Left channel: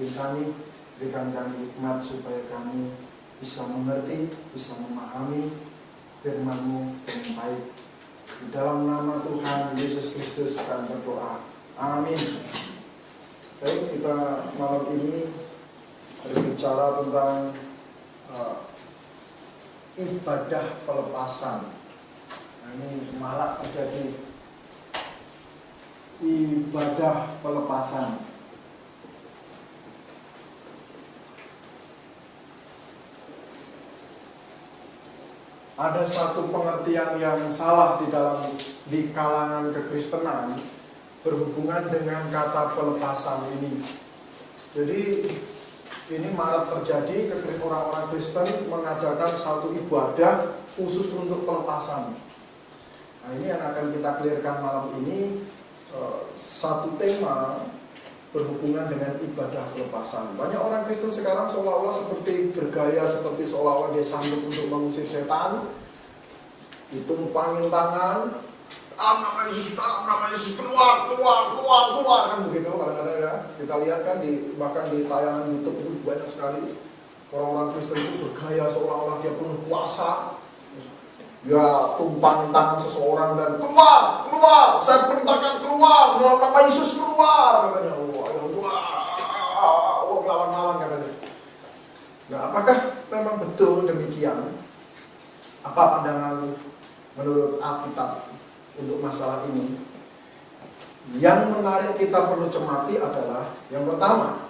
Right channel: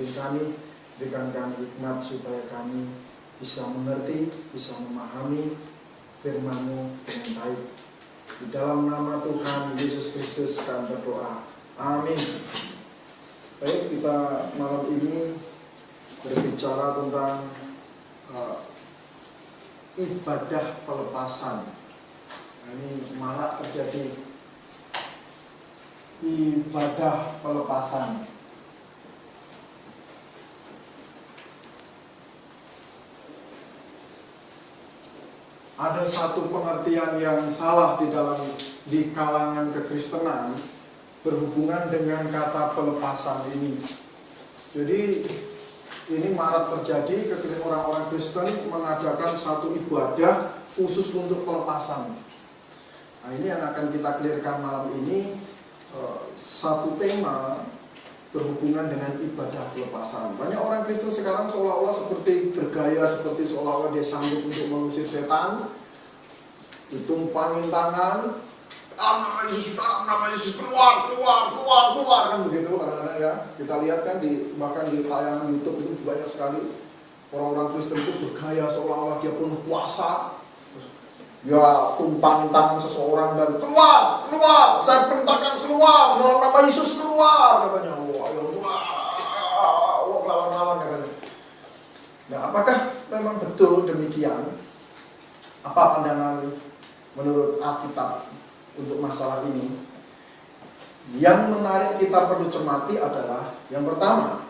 memimpin kami. Berikan kami hikmat supaya kami bisa mengerti, bisa memahami firman-Mu dengan baik. Di dalam nama Tuhan Yesus Kristus kami berdoa. Amin. Baik, kita malam ini berbicara tentang ibadah pelepasan. Nah, ini malah terjadi ibadah pelepasan. Ada satu pengertian yang salah di kalangan kekristenan berhubungan dengan kata pelepasan ini. Jadi ini marak terjadi ketika orang-orang Kristen mengadakan satu ibadah khusus untuk pelepasan. Nah, ini yang akan kita clearkan malam ini, satu tema berhubungan dengan ibadah pelepasan. Banyak orang Kristen sekarang seolah-olah seperti bergaya, seperti seolah-olah dia sanggup untuk mengusir setan. Ditumpangin tangan, nama Yesus, keluar, kan begitu kadang-kadang ya. Kita lihat kan bahkan di tayangan YouTube itu banyak sekali orang-orang Kristen itu bergaya seolah-olah dia penuh kuasa. Ya tumpangin tangan seseorang dan keluar, saya perintahkan keluar dalam nama Yesus, keluar katanya. Lawan-lawan katanya. Nah, apakah memang betul demikian? Apa pandangan menurut Alkitab untuk masalah ini? Yang menarik kita perlu cermati adalah yang pertama,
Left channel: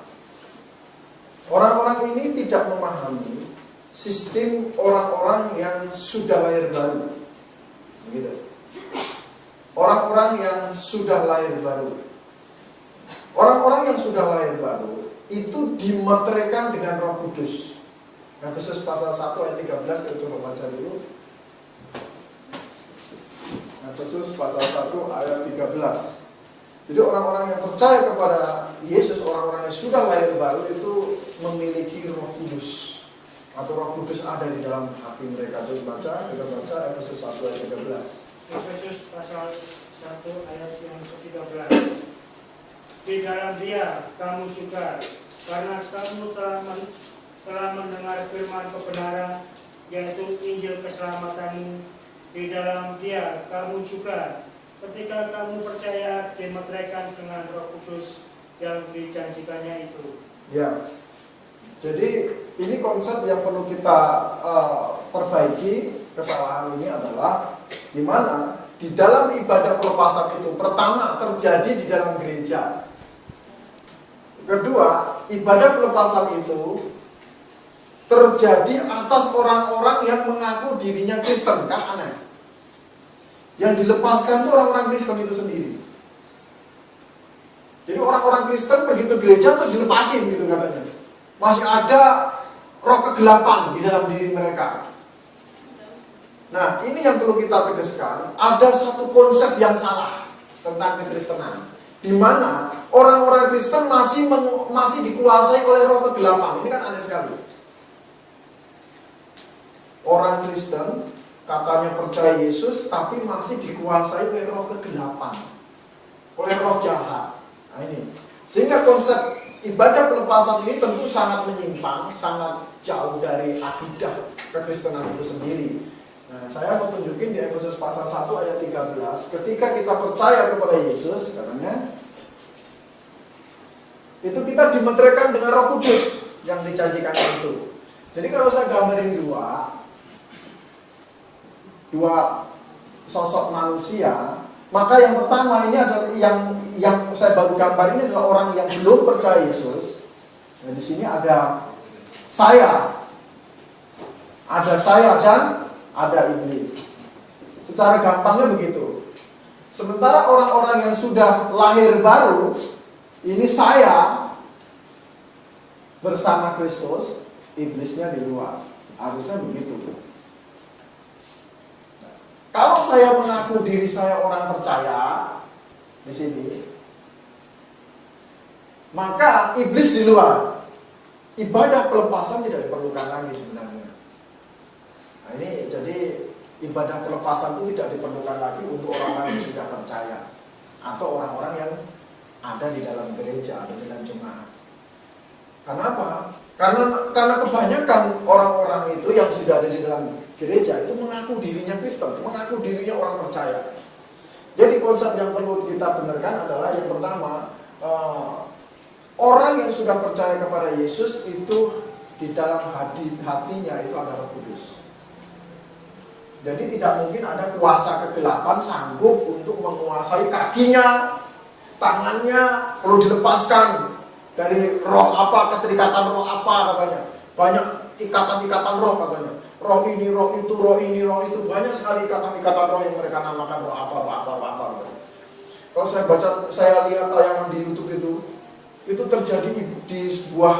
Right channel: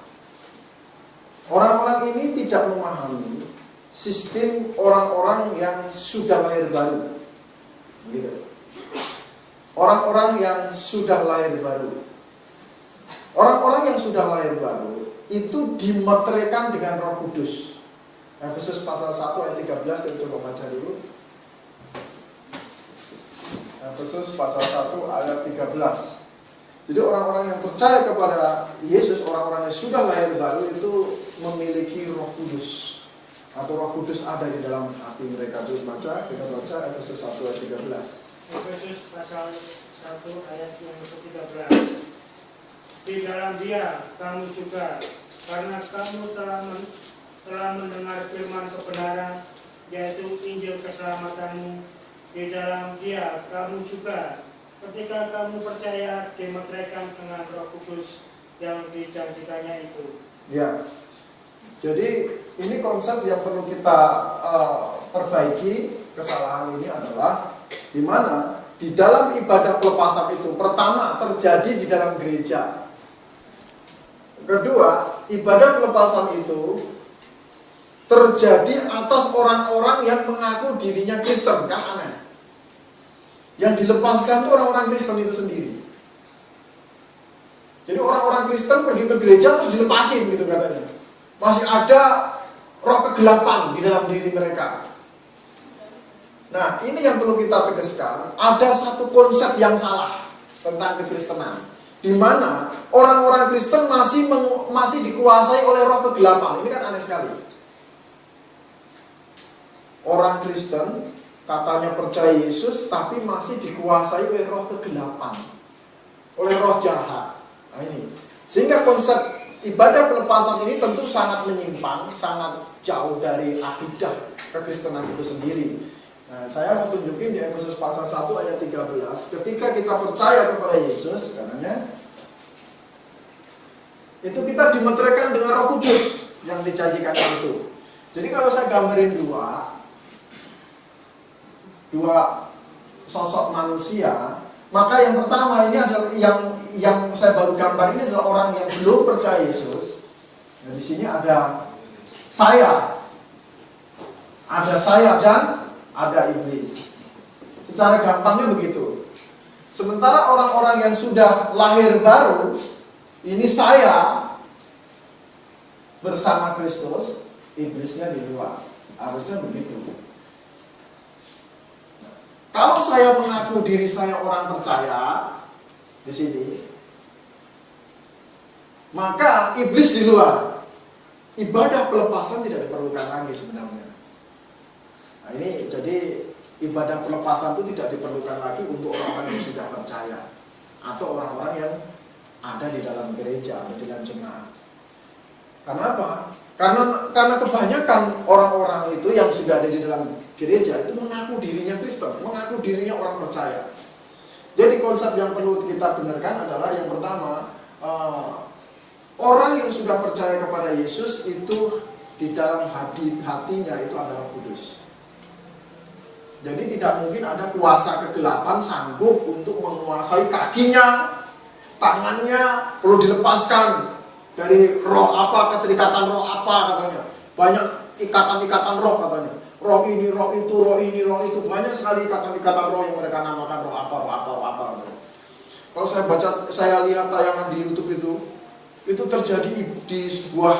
orang-orang ini tidak memahami sistem orang-orang yang sudah lahir baru. Begitu. Orang-orang yang sudah lahir baru. Orang-orang yang sudah lahir baru itu dimeteraikan dengan Roh Kudus. Efesus pasal 1 ayat 13, kita coba baca dulu. Efesus pasal 1 ayat 13. Jadi orang-orang yang percaya kepada Yesus, orang-orang yang sudah lahir baru itu memiliki Roh Kudus. Atau Roh Kudus ada di dalam hati mereka. Terus kita baca Efesus 1 ayat 13. Efesus pasal 1 ayat yang ke-13. Di dalam Dia kamu juga, karena kamu telah mendengar firman kebenaran, yaitu Injil keselamatanmu. Di dalam Dia kamu juga, ketika kamu percaya, dimeteraikan dengan Roh Kudus yang dijanjikannya itu. Ya, jadi ini konsep yang perlu kita perbaiki. Kesalahan ini adalah di mana di dalam ibadah pelepasan itu pertama terjadi di dalam gereja. Kedua, ibadah pelepasan itu terjadi atas orang-orang yang mengaku dirinya Kristen, kan aneh. Yang dilepaskan itu orang-orang Kristen itu sendiri. Jadi orang-orang Kristen pergi ke gereja terus dilepasin gitu katanya. Masih ada roh kegelapan di dalam diri mereka. Nah, ini yang perlu kita tegaskan. Ada satu konsep yang salah tentang kekristenan, di mana orang-orang Kristen masih dikuasai oleh roh kegelapan. Ini kan aneh sekali. Orang Kristen katanya percaya Yesus, tapi masih dikuasai oleh roh kegelapan, oleh roh jahat. Nah, ini sehingga konsep ibadah pelepasan ini tentu sangat menyimpang, sangat jauh dari akidah kekristenan itu sendiri. Nah, saya mau tunjukin di Efesus pasal 1 ayat 13, ketika kita percaya kepada Yesus, katanya itu kita dimeteraikan dengan Roh Kudus yang dijanjikan itu. Jadi kalau saya gambarin dua sosok manusia, maka yang pertama ini adalah yang saya baru gambar ini adalah orang yang belum percaya Yesus. Dan di sini ada saya dan ada iblis. Secara gampangnya begitu. Sementara orang-orang yang sudah lahir baru, ini saya bersama Kristus, iblisnya di luar. Harusnya begitu. Nah, kalau saya mengaku diri saya orang percaya di sini, maka iblis di luar. Ibadah pelepasan tidak diperlukan lagi sebenarnya. Nah, ini jadi ibadah pelepasan itu tidak diperlukan lagi untuk orang-orang yang sudah percaya atau orang-orang yang ada di dalam gereja, ada di dalam jemaat. Karena apa? Karena kebanyakan orang-orang itu yang sudah ada di dalam gereja itu mengaku dirinya Kristen, mengaku dirinya orang percaya. Jadi konsep yang perlu kita benarkan adalah yang pertama, orang yang sudah percaya kepada Yesus itu di dalam hatinya itu ada Roh Kudus. Jadi tidak mungkin ada kuasa kegelapan sanggup untuk menguasai kakinya, tangannya, perlu dilepaskan dari roh apa, keterikatan roh apa katanya. Banyak ikatan-ikatan roh katanya. Roh ini, roh itu, roh ini, roh itu. Banyak sekali ikatan-ikatan roh yang mereka namakan roh apa. Kalau saya lihat tayangan di YouTube itu terjadi di sebuah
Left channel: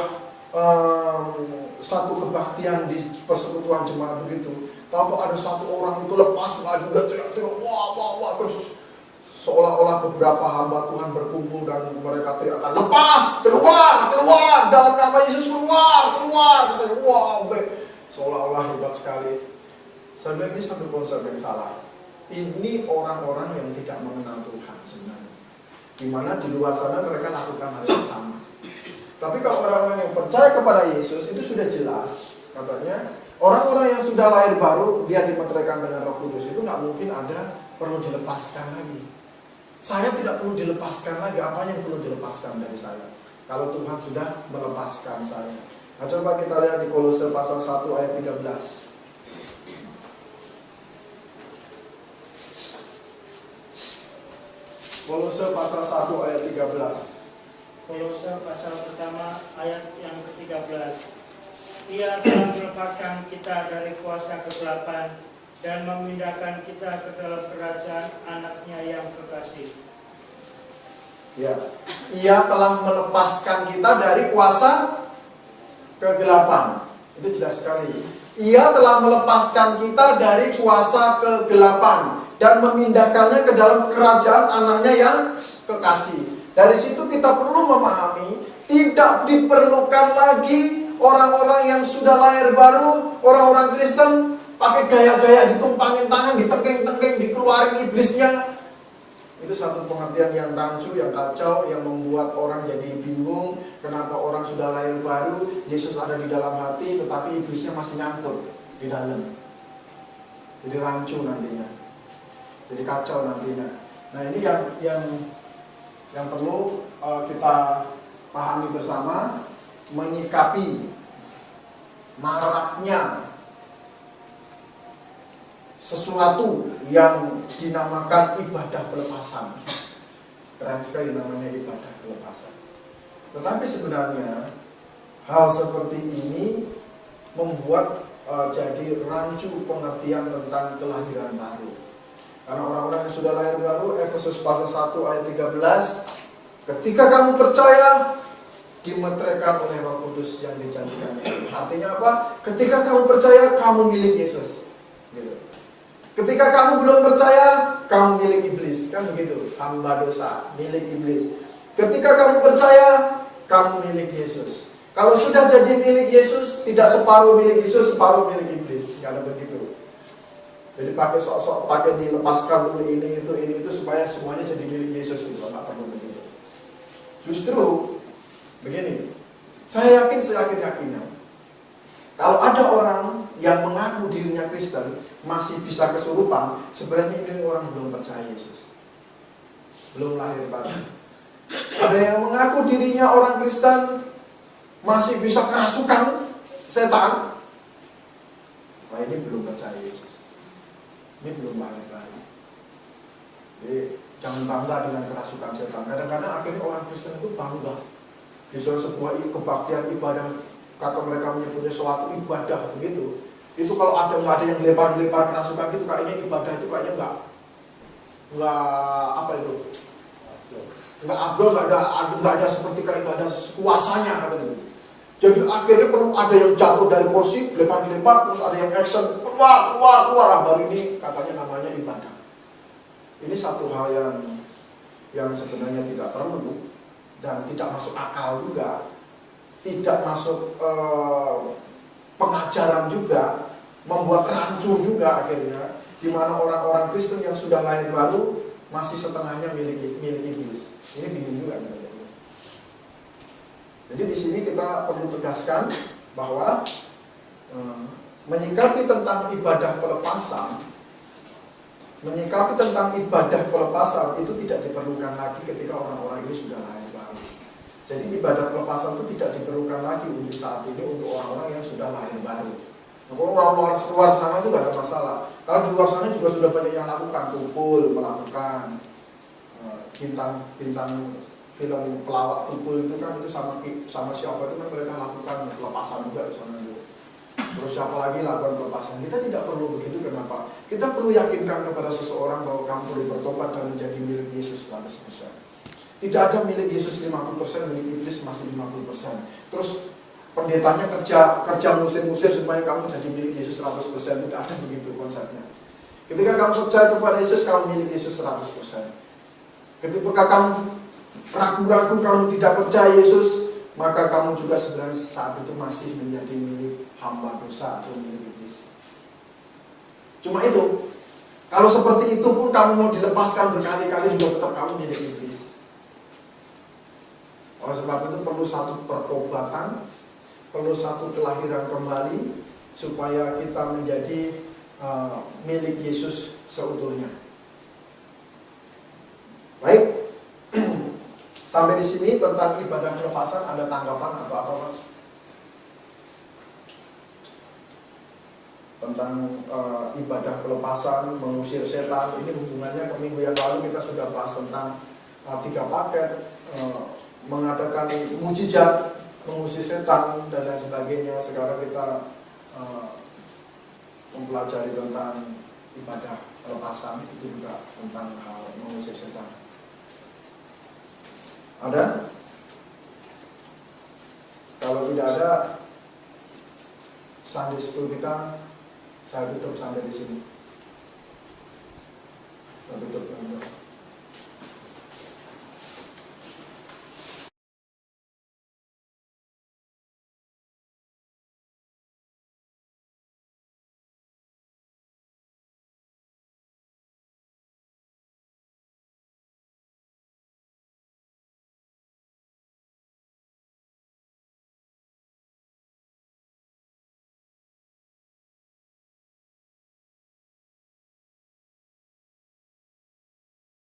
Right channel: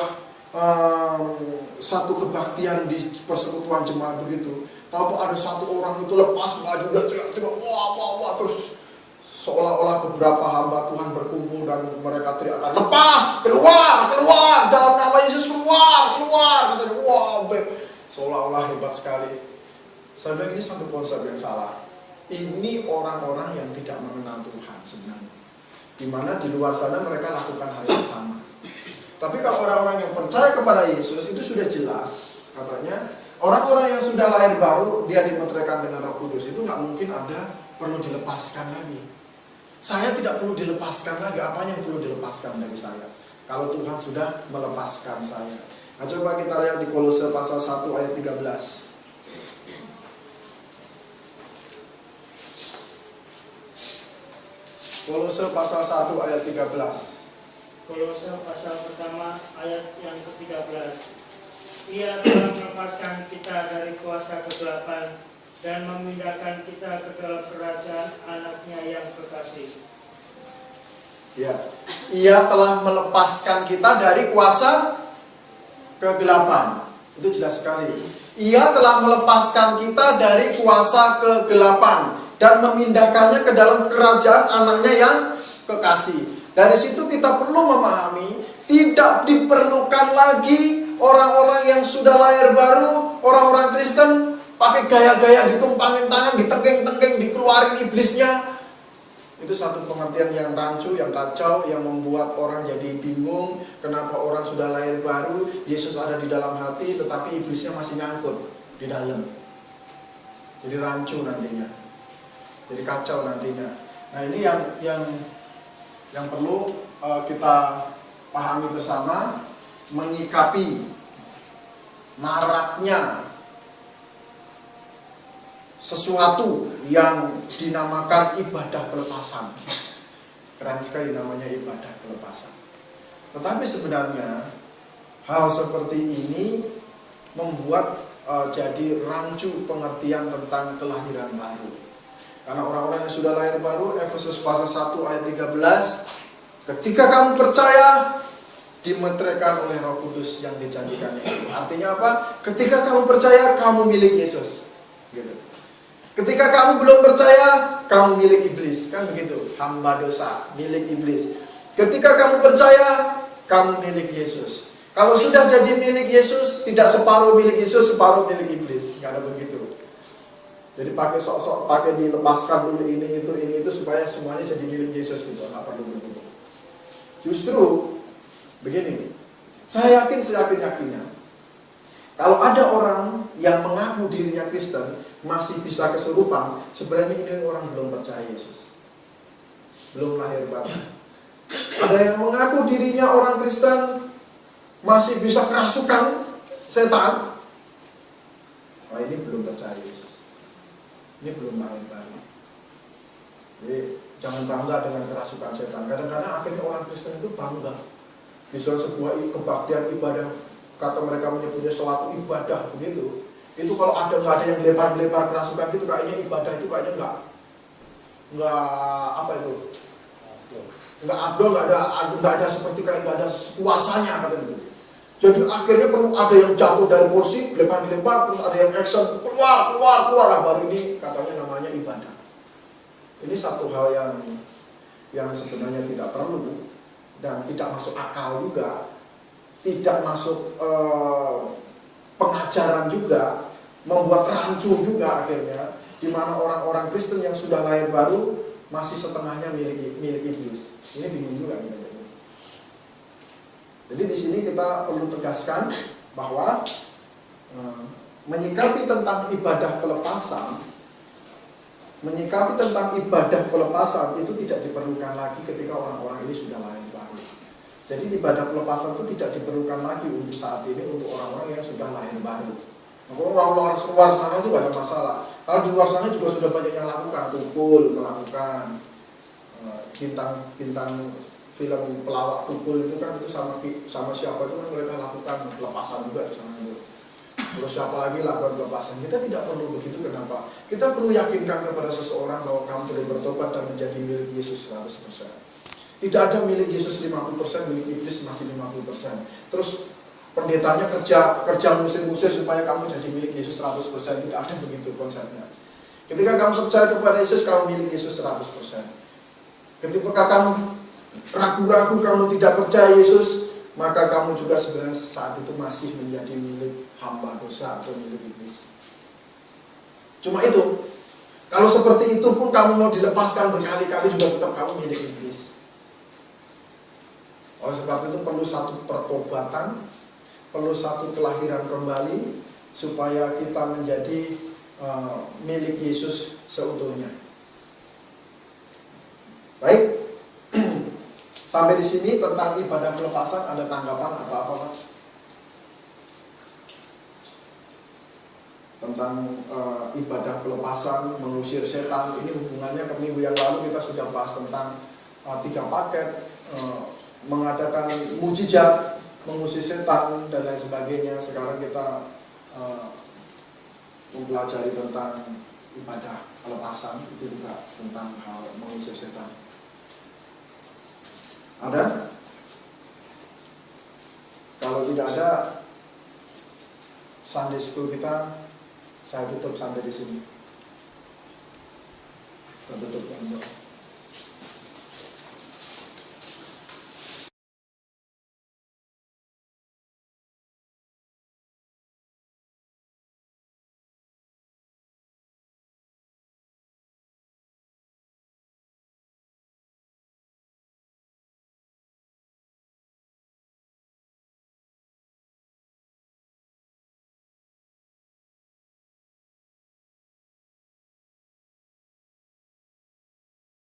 satu kebaktian di persekutuan jemaat begitu. Tahu ada satu orang itu lepas baju dan teriak-teriak wah terus seolah-olah beberapa hamba Tuhan berkumpul dan mereka teriakkan lepas, keluar dalam nama Yesus, keluar katanya. Wow, seolah-olah hebat sekali. Saya bilang ini satu konsep yang salah. Ini orang-orang yang tidak mengenal Tuhan sebenarnya. Di mana di luar sana mereka lakukan hal yang sama. Tapi kalau orang-orang yang percaya kepada Yesus itu sudah jelas katanya. Orang-orang yang sudah lahir baru, dia dimeteraikan dengan Roh Kudus, itu nggak mungkin ada perlu dilepaskan lagi. Saya tidak perlu dilepaskan lagi, apa yang perlu dilepaskan dari saya? Kalau Tuhan sudah melepaskan saya. Nah, coba kita lihat di Kolose pasal 1 ayat 13. Kolose pasal 1 ayat 13. Kolose pasal pertama ayat yang ke-13. Ia telah melepaskan kita dari kuasa kegelapan dan memindahkan kita ke dalam kerajaan anaknya yang kekasih. Ya, ia telah melepaskan kita dari kuasa kegelapan. Itu jelas sekali. Ia telah melepaskan kita dari kuasa kegelapan dan memindahkannya ke dalam kerajaan anaknya yang kekasih. Dari situ kita perlu memahami tidak diperlukan lagi orang-orang yang sudah lahir baru, orang-orang Kristen, pakai gaya-gaya ditumpangin tangan, ditengking-tengking, dikeluarin iblisnya. Itu satu pengertian yang rancu, yang kacau, yang membuat orang jadi bingung. Kenapa orang sudah lahir baru, Yesus ada di dalam hati, tetapi iblisnya masih nyangkut di dalam. Jadi rancu nantinya, jadi kacau nantinya. Nah ini yang perlu kita pahami bersama, menyikapi maraknya sesuatu yang dinamakan ibadah pelepasan. Keren sekali namanya ibadah pelepasan. Tetapi sebenarnya hal seperti ini membuat jadi rancu pengertian tentang kelahiran baru. Karena orang-orang yang sudah lahir baru, Efesus pasal 1 ayat 13, ketika kamu percaya, dimeteraikan oleh Roh Kudus yang dijanjikannya. Artinya apa? Ketika kamu percaya, kamu milik Yesus. Gitu. Ketika kamu belum percaya, kamu milik iblis. Kan begitu, hamba dosa, milik iblis. Ketika kamu percaya, kamu milik Yesus. Kalau sudah jadi milik Yesus, tidak separuh milik Yesus, separuh milik iblis. Karena begitu. Jadi pakai sok-sok, pakai dilepaskan dulu ini itu supaya semuanya jadi milik Yesus gitu. Nggak perlu begitu. Justru begini, saya yakin-yakinnya kalau ada orang yang mengaku dirinya Kristen masih bisa kesurupan, sebenarnya ini orang belum percaya Yesus, belum lahir baru. Ada yang mengaku dirinya orang Kristen masih bisa kerasukan setan, wah ini belum percaya Yesus, ini belum lahir baru. Jadi jangan bangga dengan kerasukan setan. Kadang-kadang akhirnya orang Kristen itu bangga bisa sebuah kebaktian ibadah, kata mereka menyebutnya suatu ibadah begitu. Itu kalau nggak ada yang lempar kerasukan itu kayaknya ibadah itu kayaknya nggak apa itu, nggak abdul, nggak ada seperti kayak nggak ada kuasanya gitu. Jadi akhirnya perlu ada yang jatuh dari kursi, lempar terus ada yang action keluar, baru ini katanya namanya ibadah. Ini satu hal yang sebenarnya tidak perlu dan tidak masuk akal juga, tidak masuk pengajaran juga, membuat rancu juga akhirnya, di mana orang-orang Kristen yang sudah lahir baru masih setengahnya milik iblis. Ini bingung juga. Jadi di sini kita perlu tegaskan bahwa menyikapi tentang ibadah pelepasan itu tidak diperlukan lagi ketika orang-orang ini sudah lahir baru. Jadi ibadah pelepasan itu tidak diperlukan lagi untuk saat ini untuk orang-orang yang sudah lahir baru. Kalau orang luar sana juga ada masalah. Kalau di luar sana juga sudah banyak yang lakukan, kumpul, melakukan bintang film pelawak kumpul itu kan itu sama siapa itu kan mereka lakukan pelepasan juga di sana itu. Terus siapa lagi lakukan pelepasan? Kita tidak perlu begitu. Kenapa? Kita perlu yakinkan kepada seseorang bahwa kamu boleh bertobat dan menjadi milik Yesus 100%. Tidak ada milik Yesus 50%, milik iblis masih 50%. Terus pendetanya kerja musir-musir supaya kamu jadi milik Yesus 100%. Tidak ada begitu konsepnya. Ketika kamu percaya kepada Yesus, kamu milik Yesus 100%. Ketika kamu ragu-ragu, kamu tidak percaya Yesus, maka kamu juga sebenarnya saat itu masih menjadi milik hamba dosa atau milik iblis. Cuma itu. Kalau seperti itu pun kamu mau dilepaskan berkali-kali juga tetap kamu milik iblis. Oleh sebab itu perlu satu pertobatan, perlu satu kelahiran kembali supaya kita menjadi milik Yesus seutuhnya. Baik, sampai di sini tentang ibadah pelepasan ada tanggapan apa-apa, Mas? Tentang ibadah pelepasan, mengusir setan, ini hubungannya ke minggu yang lalu kita sudah bahas tentang 3 paket, mengadakan mujizat, mengusir setan dan lain sebagainya. Sekarang kita mempelajari tentang ibadah pelepasan, itu juga tentang hal mengusir setan. Ada? Kalau tidak ada, Sunday School kita saya tutup sampai di sini. Kita tutup yang